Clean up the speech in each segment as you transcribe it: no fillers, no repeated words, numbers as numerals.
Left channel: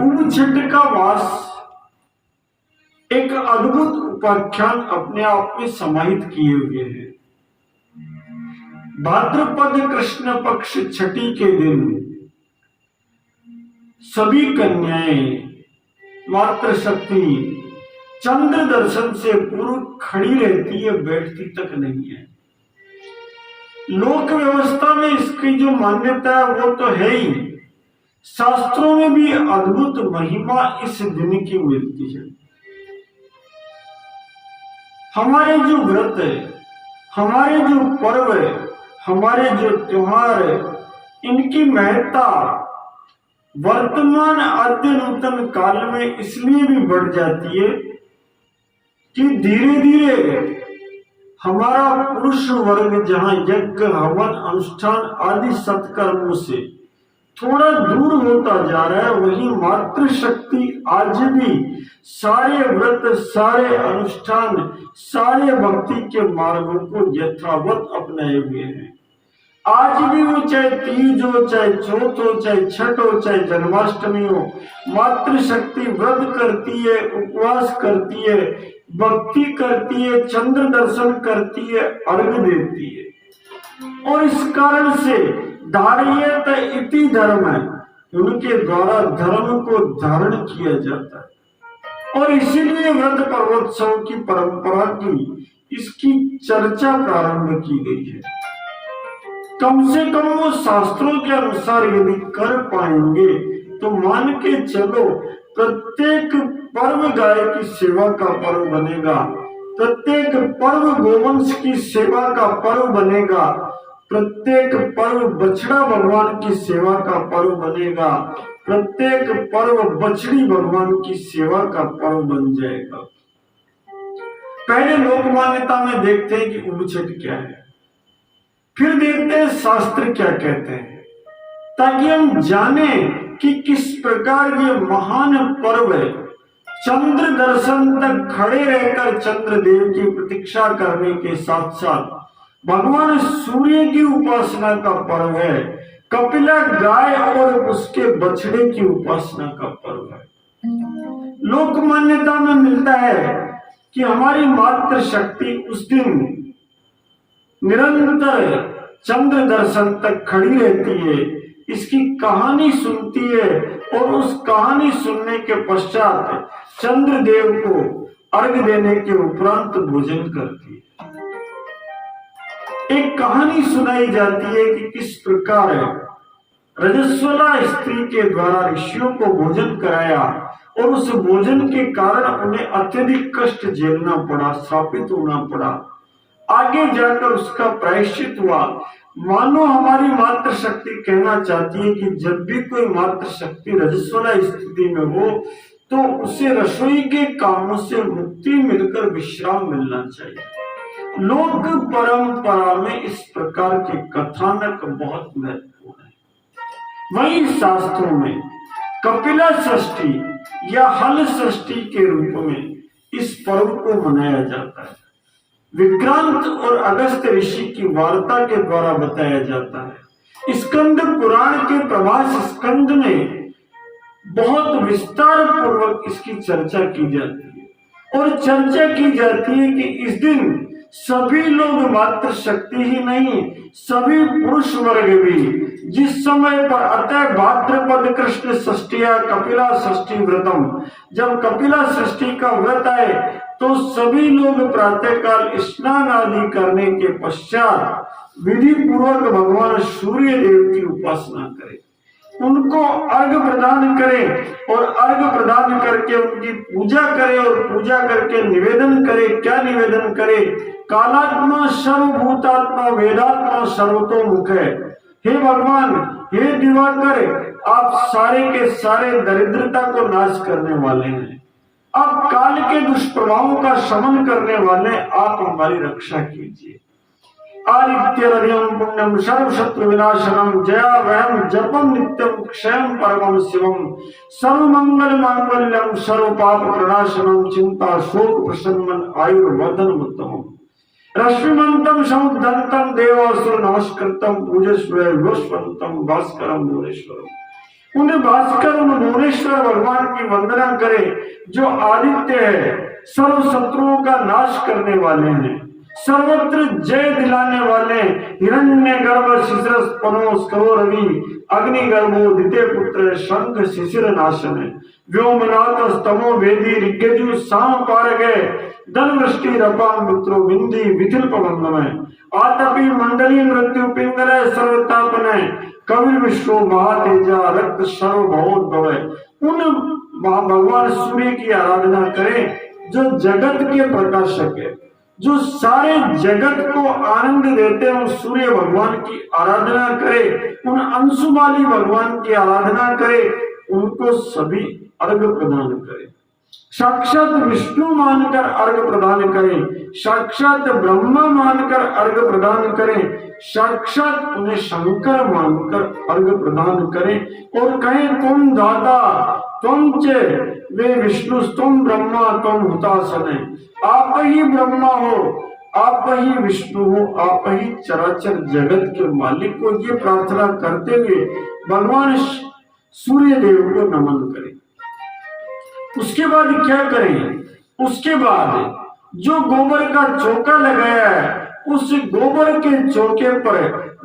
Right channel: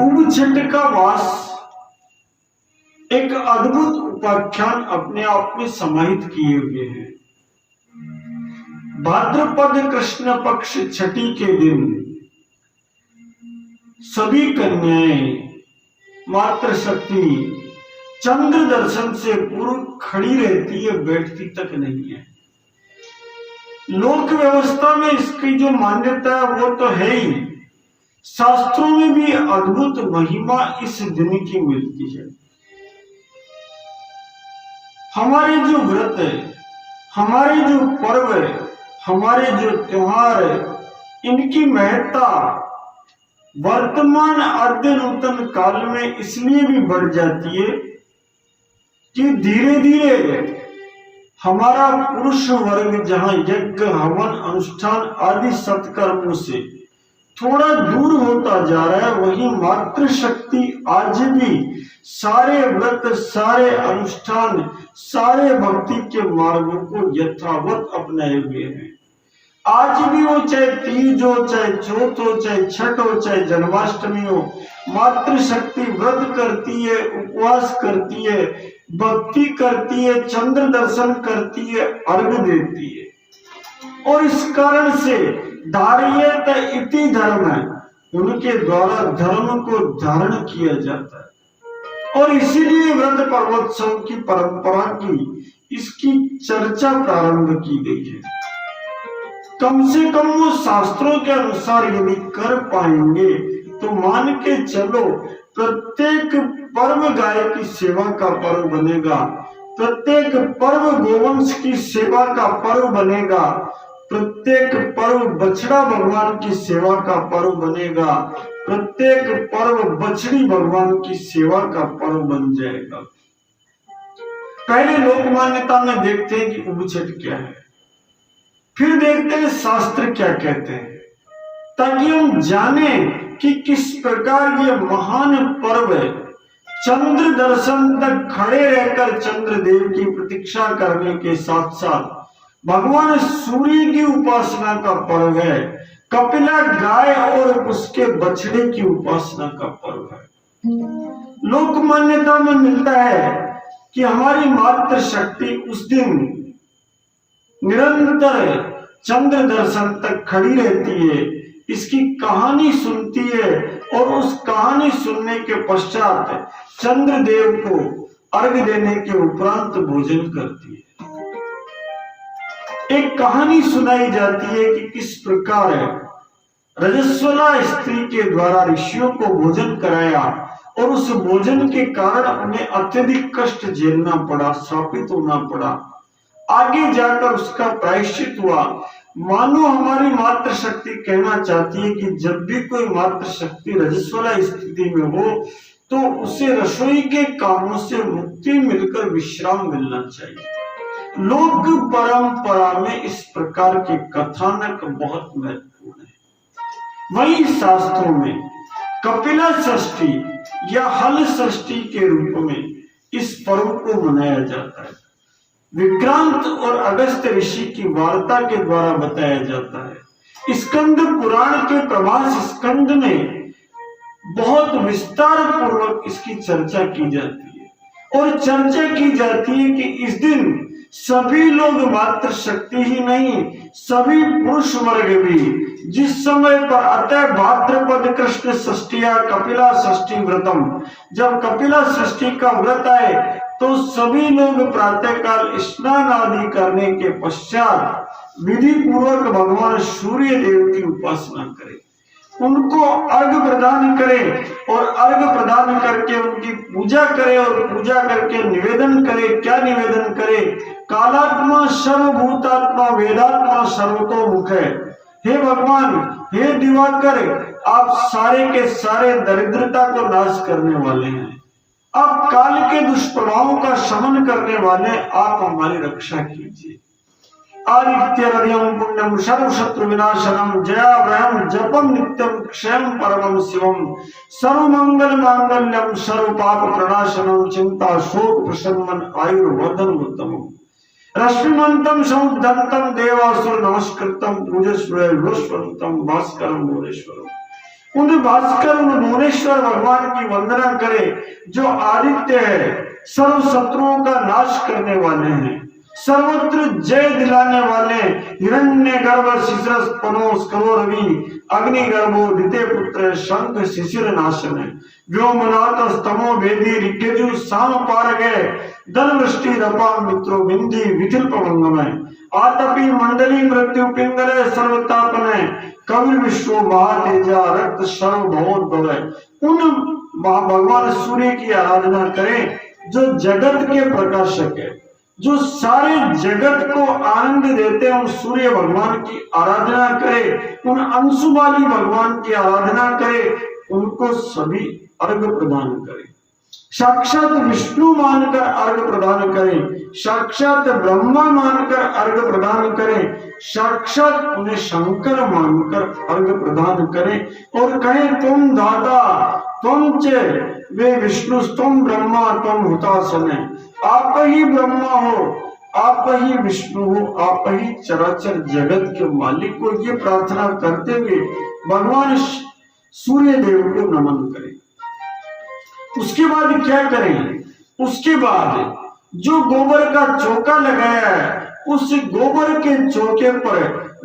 उबछट का वास एक अद्भुत उपाख्यान अपने आप में समाहित किए हुए हैं। भाद्रपद कृष्ण पक्ष छठी के दिन सभी कन्याएं मातृशक्ति चंद्र दर्शन से पूर्व खड़ी रहती है, बैठती तक नहीं है। लोक व्यवस्था में इसकी जो मान्यता है वो तो है ही, शास्त्रों में भी अद्भुत महिमा इस दिन की मिलती है। हमारे जो व्रत है, हमारे जो पर्व है, हमारे जो त्योहार है, इनकी महत्ता वर्तमान आद्य नूतन काल में इसलिए भी बढ़ जाती है कि धीरे धीरे हमारा पुरुष वर्ग जहां यज्ञ हवन अनुष्ठान आदि सत्कर्मों से थोड़ा दूर होता जा रहा है, वही मातृशक्ति आज भी सारे व्रत, सारे अनुष्ठान, सारे भक्ति के मार्गों को यथावत अपनाए हुए हैं। आज भी वो चाहे तीज हो, चाहे चौथ हो, चाहे छठ हो, चाहे जन्माष्टमी हो, मातृशक्ति व्रत करती है, उपवास करती है, भक्ति करती है, चंद्र दर्शन करती है, अर्घ देती है। और इस कारण से धार्येत इति धर्म है, उनके द्वारा धर्म को धारण किया जाता है। और इसीलिए व्रत पर्वोत्सव की परंपरा की इसकी चर्चा प्रारंभ की गई है। कम से कम वो शास्त्रों के अनुसार यदि कर पाएंगे तो मान के चलो, प्रत्येक पर्व गाय की सेवा का पर्व बनेगा, प्रत्येक पर्व गोवंश की सेवा का पर्व बनेगा, प्रत्येक पर्व बछड़ा भगवान की सेवा का पर्व बनेगा, प्रत्येक पर्व बछड़ी भगवान की सेवा का पर्व बन जाएगा। पहले लोक मान्यता में देखते हैं कि उबछट क्या है, फिर देखते हैं शास्त्र क्या कहते हैं, ताकि हम जाने कि किस प्रकार ये महान पर्व है। चंद्र दर्शन तक खड़े रहकर चंद्रदेव की प्रतीक्षा करने के साथ साथ भगवान सूर्य की उपासना का पर्व है, कपिला गाय और उसके बछड़े की उपासना का पर्व है। लोक मान्यता में मिलता है कि हमारी मातृशक्ति उस दिन निरंतर चंद्र दर्शन तक खड़ी रहती है, इसकी कहानी सुनती है और उस कहानी सुनने के पश्चात चंद्रदेव को अर्घ देने के उपरांत भोजन करती है। एक कहानी सुनाई जाती है कि किस प्रकार रजस्वला स्त्री के द्वारा ऋषियों को भोजन कराया और उस भोजन के कारण उन्हें अत्यधिक कष्ट झेलना पड़ा, श्रापित होना पड़ा। आगे जाकर उसका प्रायश्चित हुआ। मानो हमारी मातृशक्ति कहना चाहती है कि जब भी कोई मातृशक्ति रजस्वला स्थिति में हो तो उसे रसोई के कामों से मुक्ति मिलकर विश्राम मिलना चाहिए। लोक परंपरा में इस प्रकार के कथानक बहुत महत्वपूर्ण है। वहीं शास्त्रों में कपिला षष्ठी या हल षष्ठी के रूप में इस पर्व को मनाया जाता है। विक्रांत और अगस्त्य ऋषि की वार्ता के द्वारा बताया जाता है। स्कंद पुराण के प्रभास स्कंद में बहुत विस्तार पूर्वक इसकी चर्चा की जाती है और चर्चा की जाती है कि इस दिन सभी लोग मातृशक्ति ही नहीं, सभी पुरुष वर्ग भी जिस समय पर अतः भाद्रपद कृष्ण षष्ठिया कपिला षष्ठी व्रतम, जब कपिला षष्ठी का व्रत आए तो सभी लोग प्रातःकाल स्नान आदि करने के पश्चात विधि पूर्वक भगवान सूर्य देव की उपासना करें, उनको अर्घ प्रदान करें और अर्घ प्रदान करके उनकी पूजा करें और पूजा करके निवेदन करें। क्या निवेदन करें? कालात्मा सर्वभूतात्मा वेदात्मा सर्वतोमुख है। हे भगवान, हे दिवाकर, आप सारे के सारे दरिद्रता को नाश करने वाले हैं, अब काल के दुष्प्रभावों का शमन करने वाले, आप हमारी रक्षा कीजिए। आदित्यरद्यम पुण्यम सर्व शत्रु विनाशनम जया वयम जपम नित्यम क्षयम परमम शिवम सर्व मंगल मांगल्यम सर्व पाप प्रणाशनम चिंता शोक प्रशमन आयुर्वर्धन उत्तमम रश्मिमंतम समुद्धंतम देवासुर नमस्कृतम पूजस्व विश्वंतम भास्करम भुवनेश्वरम उन्हें भास्कर उन भुवनेश्वर भगवान की वंदना करे जो आदित्य है, सर्व शत्रुओं का नाश करने वाले हैं, सर्वत्र जय दिलाने वाले, हिरण्य गर्भ शिशिर पनो स्करो रवि अग्नि गर्भो दिते पुत्र शंख शिशिर नाशन, व्योमनाथ स्तमो वेदी ऋग्यजु साम पारगे दल वृष्टि रपा मित्रो बिंदी विथिल पवनमय आतपी मंडली मृत्यु पिंगल सर्वतापने कवि विश्व महातेजा रक्त सर्व भवोद्भव। उन भगवान सूर्य की आराधना करें जो जगत के प्रकाशक है, जो सारे जगत को आनंद देते हैं। उन सूर्य भगवान की आराधना करें, उन अंशुमाली भगवान की आराधना करें, उनको सभी अर्घ प्रदान करें। साक्षात विष्णु मानकर अर्घ प्रदान करें, साक्षात ब्रह्मा मानकर अर्घ प्रदान करें, साक्षात उन्हें शंकर मानकर अर्घ प्रदान करें और कहें तुम दाता तुम चे वे विष्णु तुम ब्रह्मा तुम हुतासने, आप ही ब्रह्मा हो, आप ही विष्णु हो, आप ही चराचर जगत के मालिक को। ये प्रार्थना करते हुए भगवान सूर्य देव को नमन करें। उसके बाद क्या करें? उसके बाद जो गोबर का चौका लगाया है उस गोबर के चौके पर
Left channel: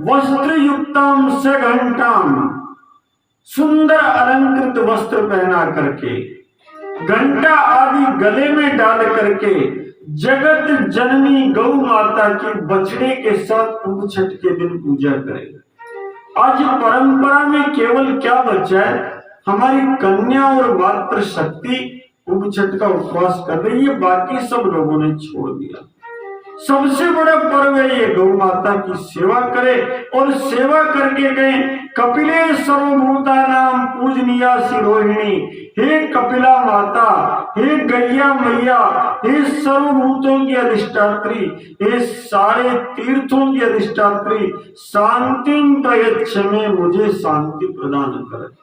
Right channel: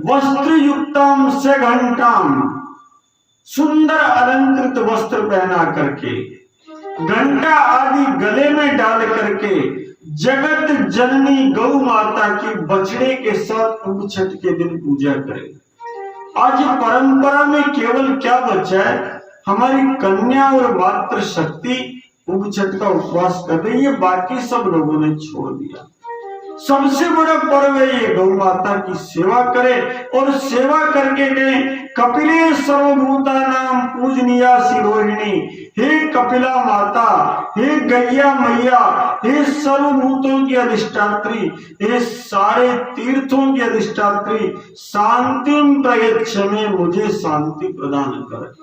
वस्त्र युक्तम से घंटाम, सुंदर अलंकृत वस्त्र पहना करके, घंटा आदि गले में डाल करके जगत जननी गौ माता की बछड़े के साथ उप छठ के दिन पूजा करें। आज परंपरा में केवल क्या बचा है? हमारी कन्या और मातृ शक्ति उप छठ का उपवास कर रही है, बाकी सब लोगों ने छोड़ दिया। सबसे बड़ा पर्व है ये गौ माता की सेवा करे और सेवा करके गए कपिले सर्वभूता नाम पूजनीया शिरोहिणी, हे कपिला माता, हे गैया मैया, हे सर्वभूतों की अधिष्ठात्री, हे सारे तीर्थों की अधिष्ठात्री, शांतिम प्रयच्छ में मुझे शांति प्रदान कर,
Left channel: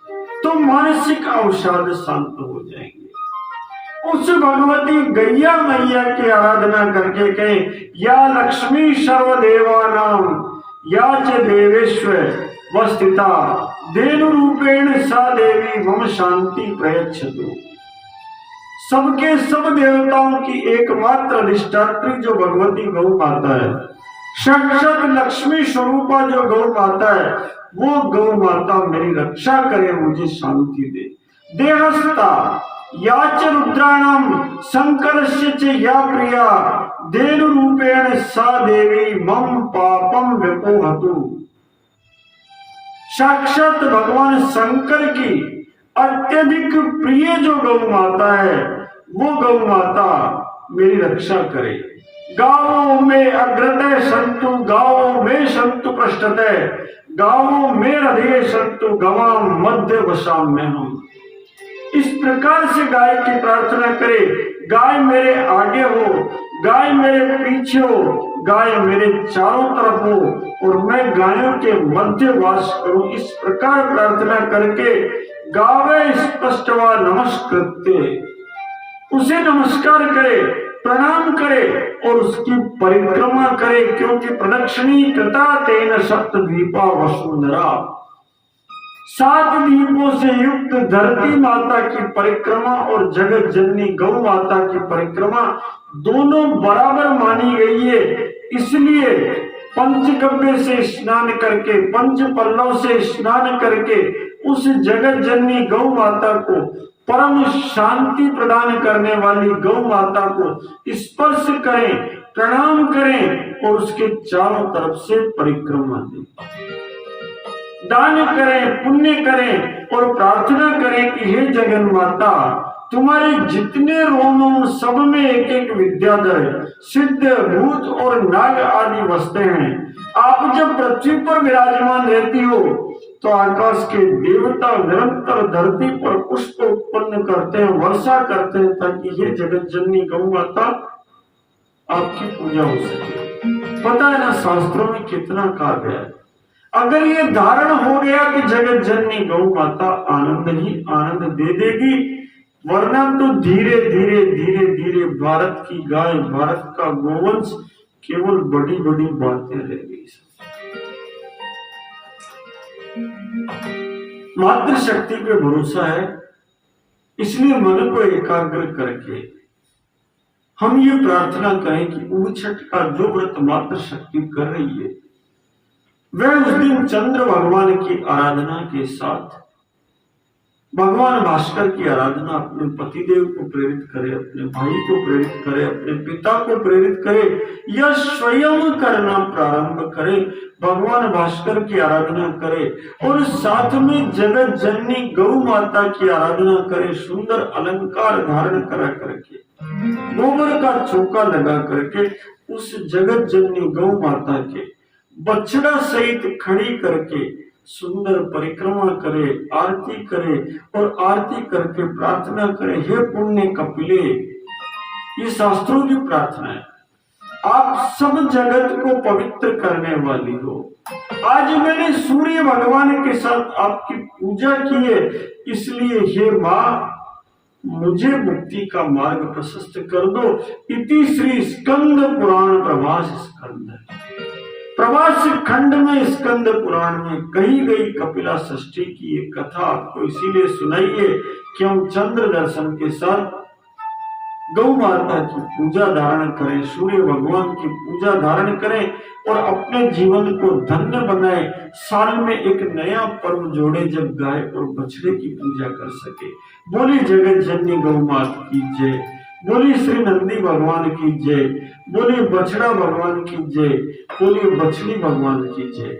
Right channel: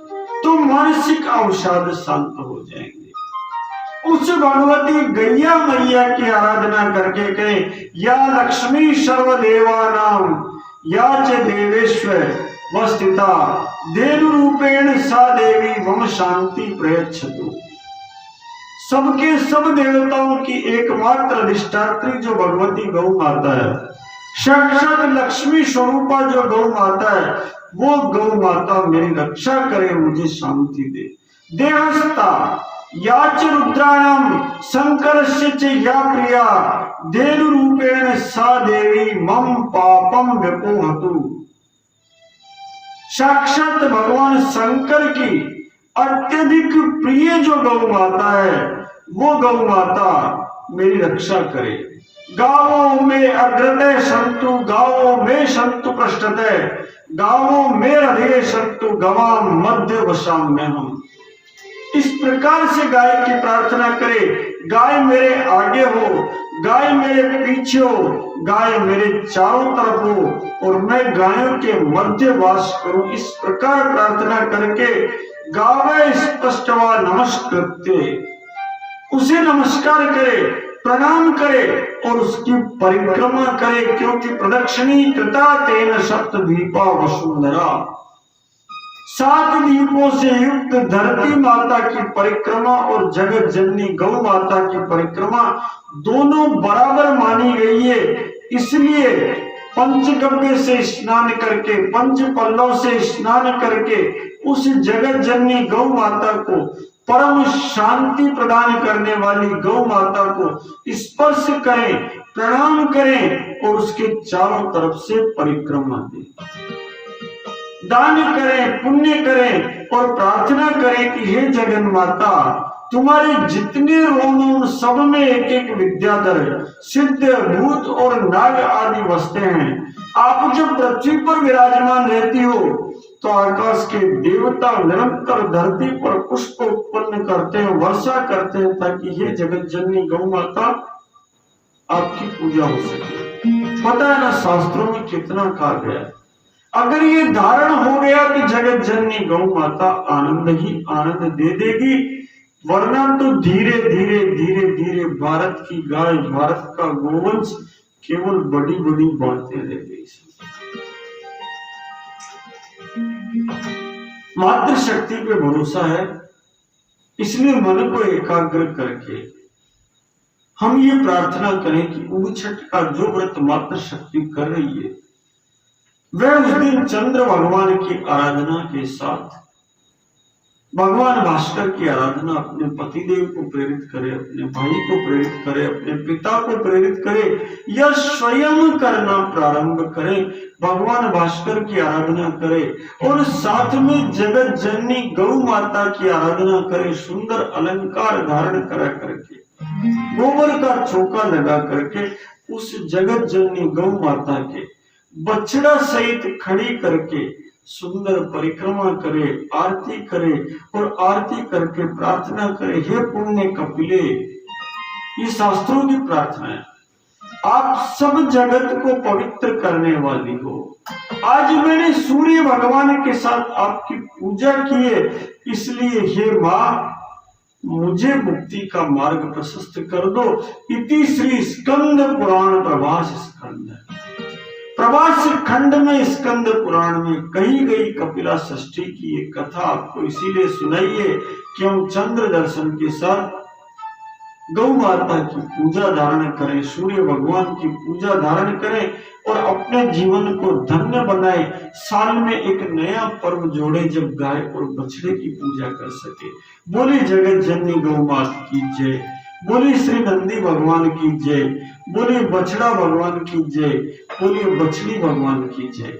तो मानसिक अवसाद शांत हो जाएंगे। उस भगवती गैया मैया की आराधना करके कहे या लक्ष्मी सर्वदेवानां या च देवेश्वर वस्थिता देनु रूपेण सा देवी मम शांति प्रयच्छतु। सबके सब देवताओं की एकमात्र अधिष्ठात्री जो भगवती गौ माता है, साक्षात लक्ष्मी स्वरूपा जो गौ माता है, वो गौ माता मेरी रक्षा करे, मुझे शांति दे। देहस्ता याच रुद्राणाम शंकरस्य च या प्रिया देनु रूपेण सा देवी मम पापम व्यपोहतु। साक्षात भगवान शंकर की अत्यधिक प्रिय जो गौ माता है, वो गौ माता मेरी रक्षा करे। गावों में अग्रते संतु गावों में संतु पृष्ठते गावों में हृदय संतु गवाम मध्य वशाम में हम। इस प्रकार से गाय की प्रार्थना करे, गाय मेरे आगे हो, गाय मेरे पीछे हो, गाय मेरे चारों तरफ हो और मैं गायों के मध्य वास करूं। इस प्रकार प्रार्थना करके गावे स्पष्टवा नमस्कृत्य, उसे नमस्कार करे, प्रणाम करे और उसकी परिक्रमा करे, क्योंकि प्रदक्षिणी कृता तेन सप्तद्वीपा वसुंधरा। 7 दीपों से युक्त धरती माता की परिक्रमा और जगत जननी गौ माता की परिक्रमा दोनों बराबर मानी गई है। इसलिए पंचगव्य से स्नान करके, पंच पल्लव से स्नान करके उस जगत जननी गौ माता को, परम शांति प्रदान करने वाली गौ माता को स्पर्श करें, प्रणाम करें और उसके चारों तरफ से परिक्रमा दें, दान करें, पुण्य करें और प्रार्थना करें कि हे जगन माता, तुम्हारे जितने रोम सब में एक एक विद्याधर, सिद्ध, भूत और नाग आदि बसते हैं। आप जब पृथ्वी पर विराजमान रहती हो तो आकाश के देवता निरंतर धरती पर पुष्प उत्पन्न करते हैं, वर्षा करते हैं, ताकि ये जगत जननी गौ माता आपकी पूजा हो सके। पता है ना, शास्त्रों में कितना कहा गया है। अगर ये धारण हो गया कि जगत जननी गौ माता आनंद ही आनंद दे देगी, वरना तो धीरे धीरे धीरे धीरे भारत की गाय, भारत का गोवंश केवल बड़ी बड़ी बातें रह गई। मातृशक्ति पे भरोसा है, इसलिए मन को एकाग्र करके हम ये प्रार्थना करें कि उग छठ का जो व्रत मातृशक्ति कर रही है वह उस दिन चंद्र भगवान की आराधना के साथ भगवान भास्कर की आराधना अपने पतिदेव को प्रेरित करे, अपने भाई को प्रेरित करे, अपने पिता को प्रेरित करे या स्वयं करना प्रारंभ करे, भगवान भास्कर की आराधना करे और साथ में जगत जननी गौ माता की आराधना करे, सुंदर अलंकार धारण करा करके, गोबर का चौका लगा करके उस जगत जननी गौ माता के बछड़ा सहित खड़ी करके सुंदर परिक्रमा करे, आरती करे और आरती करके प्रार्थना करे, हे पुण्य कपिले, ये शास्त्रों की प्रार्थना है, आप सब जगत को पवित्र करने वाली हो। आज मैंने सूर्य भगवान के साथ आपकी पूजा की है, इसलिए हे मां मुझे मुक्ति का मार्ग प्रशस्त कर दो। इति श्री स्कंद पुराण प्रभास स्कंद, प्रभास खंड में स्कंद पुराण में कही गई कपिला षष्ठी की एक कथा आपको इसीलिए सुनाइए कि हम चंद्र दर्शन के साथ गौ माता की पूजा धारण करें, सूर्य भगवान की पूजा धारण करें और अपने जीवन को धन्य बनाए। साल में एक नया पर्व जोड़े जब गाय और बछड़े की पूजा कर सके। बोली जगत जननी गौ माता की जय, बोली श्री नंदी भगवान की जय, बोली बछड़ा भगवान की जय, बोली बछड़ी भगवान की जय।